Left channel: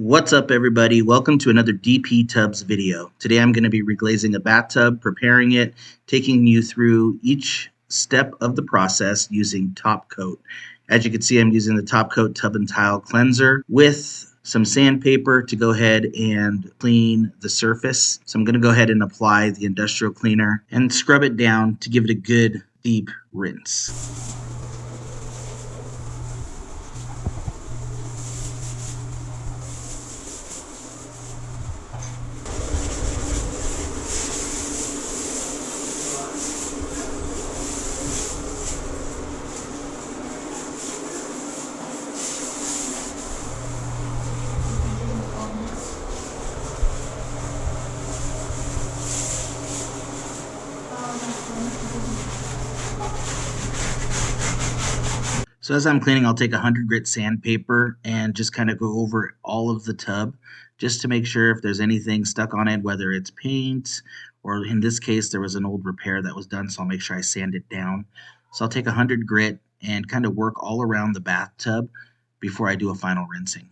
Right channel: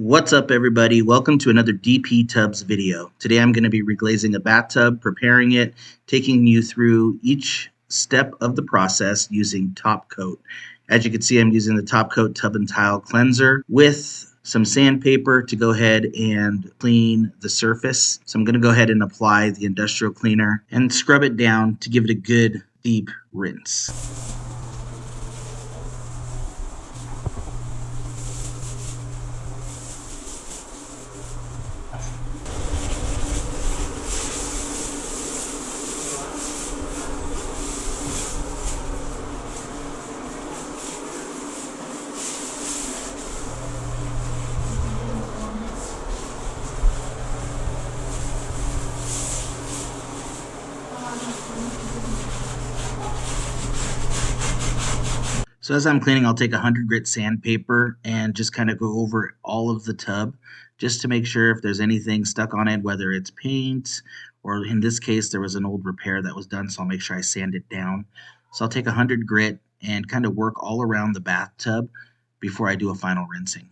What's up, everybody? Welcome to another DP Tubs video. Today I'm going to be reglazing a bathtub, preparing it, taking you through each step of the process using Top Coat. As you can see, I'm using the Top Coat Tub and Tile Cleanser with some sandpaper to go ahead and clean the surface. So I'm going to go ahead and apply the industrial cleaner and scrub it down to give it a good deep rinse. So as I'm cleaning, I'll take 100 grit sandpaper and just kind of go over all of the tub just to make sure if there's anything stuck on it, whether it's paint or in this case, there was an old repair that was done, so I'll make sure I sand it down. So I'll take 100 grit and kind of work all around the bathtub before I do a final rinsing.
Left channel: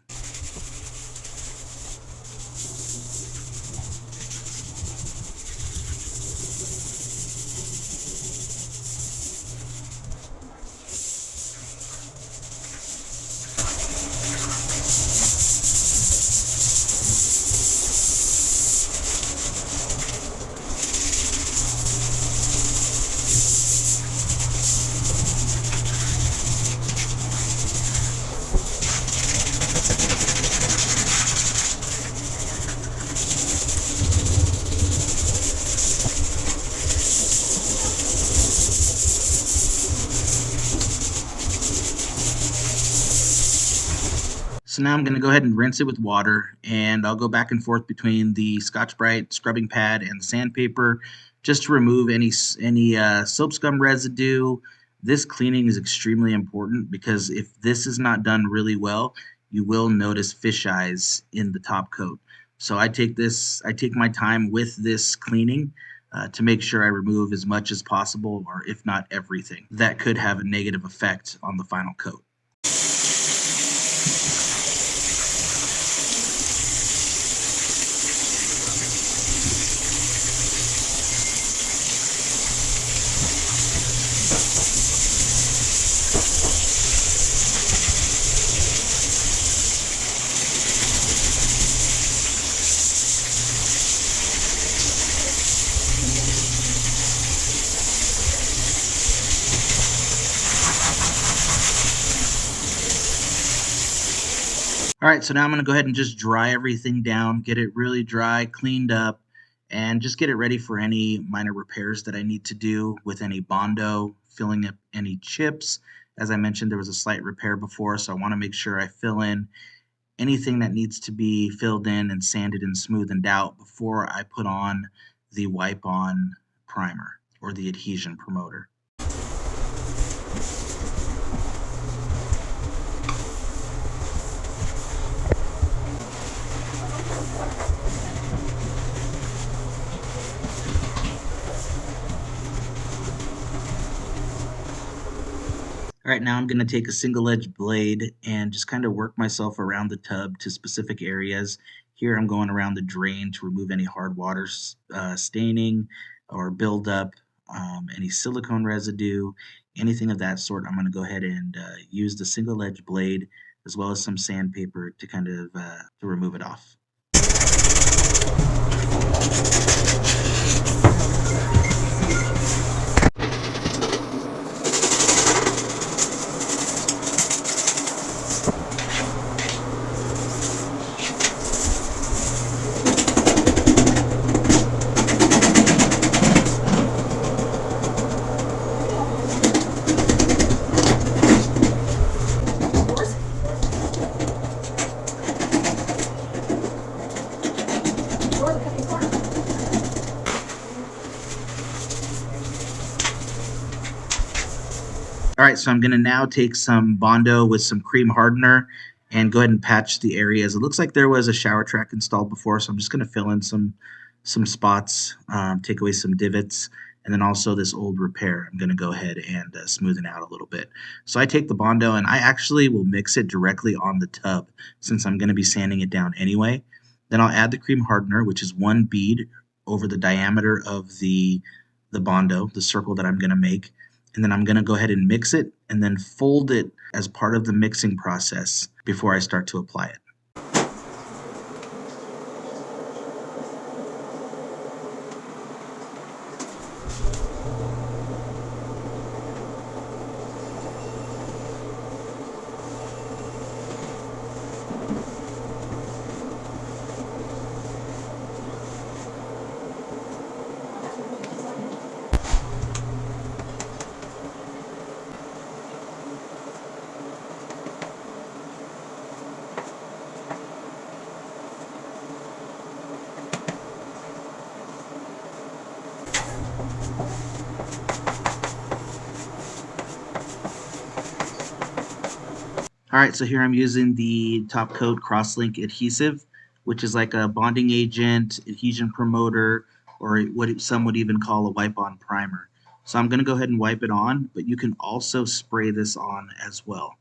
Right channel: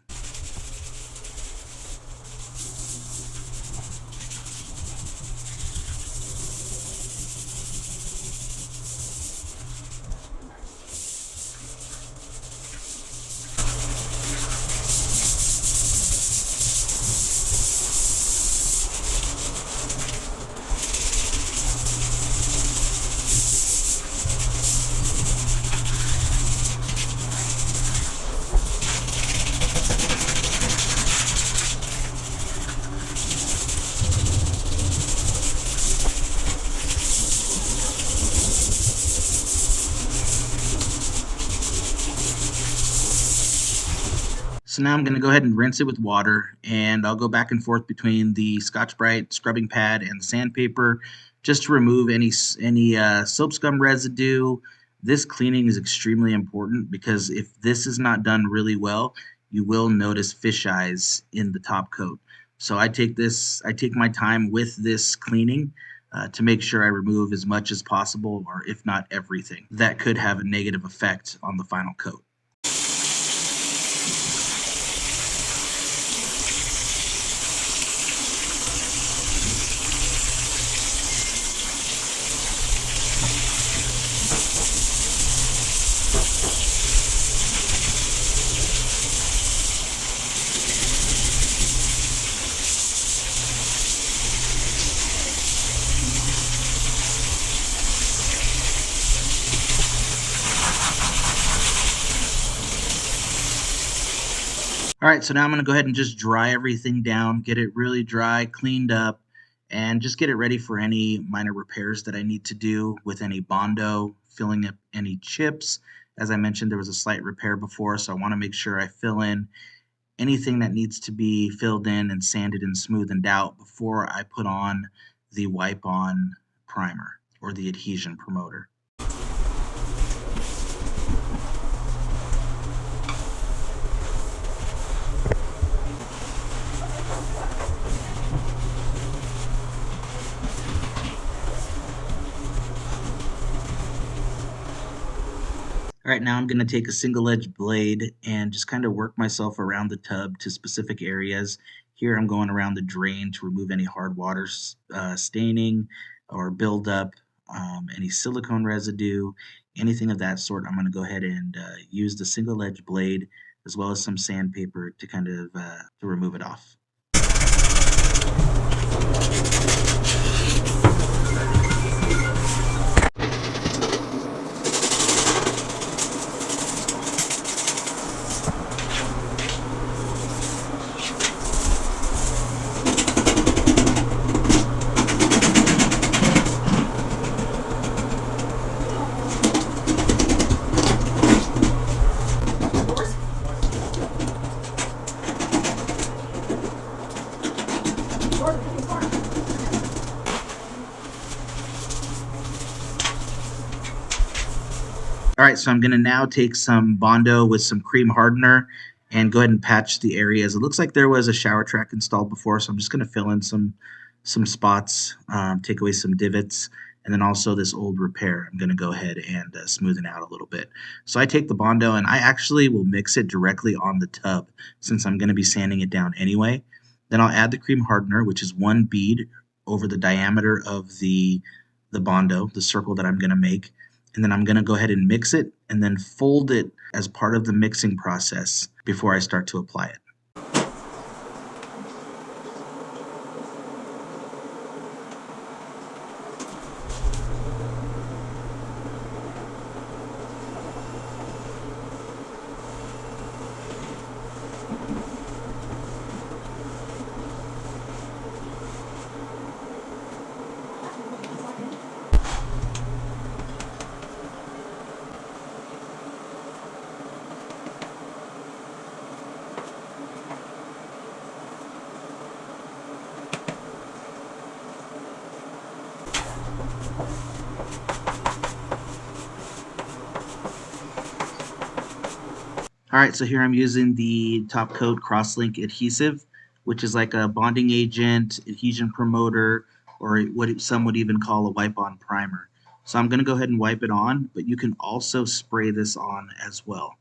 So now I'm going to go ahead and rinse it with water, and I'll go back and forth between the Scotch-Brite scrubbing pad and the sandpaper just to remove any soap scum residue. This cleaning is extremely important because if this is not done really well, you will notice fish eyes in the top coat. So I take my time with this cleaning to make sure I remove as much as possible, or if not everything, that could have a negative effect on the final coat. All right, so now I'm going to go ahead and just dry everything down, get it really dry, cleaned up, and just get it ready for any minor repairs that I need to do with any Bondo, filling up any chips. As I mentioned, there was a slight repair before, so I want to make sure I fill in anything that needs to be filled in and sanded and smoothened out before I put on the wipe-on primer or the adhesion promoter. All right, now I'm going to take a single edge blade and just kind of work myself around the tub to specific areas. Here I'm going around the drain to remove any hard water staining or buildup, any silicone residue, anything of that sort. I'm going to go ahead and use the single edge blade as well as some sandpaper to kind of to remove it off. All right, so I'm going to now take some Bondo with some cream hardener and go ahead and patch the areas. It looks like there was a shower track installed before, so I'm just going to fill in some spots, take away some divots, and then also this old repair. I'm going to go ahead and smooth it out a little bit. So I take the Bondo and I actually will mix it directly on the tub since I'm going to be sanding it down anyway. Then I'll add the cream hardener, which is one bead over the diameter of the Bondo, the circle that I'm going to make. And then I'm going to go ahead and mix it and then fold it as part of the mixing process before I start to apply it. All right, so here I'm using the Top Coat Crosslink adhesive, which is like a bonding agent, adhesion promoter, or what some would even call a wipe-on primer. So I'm going to go ahead and wipe it on, but you can also spray this on as well.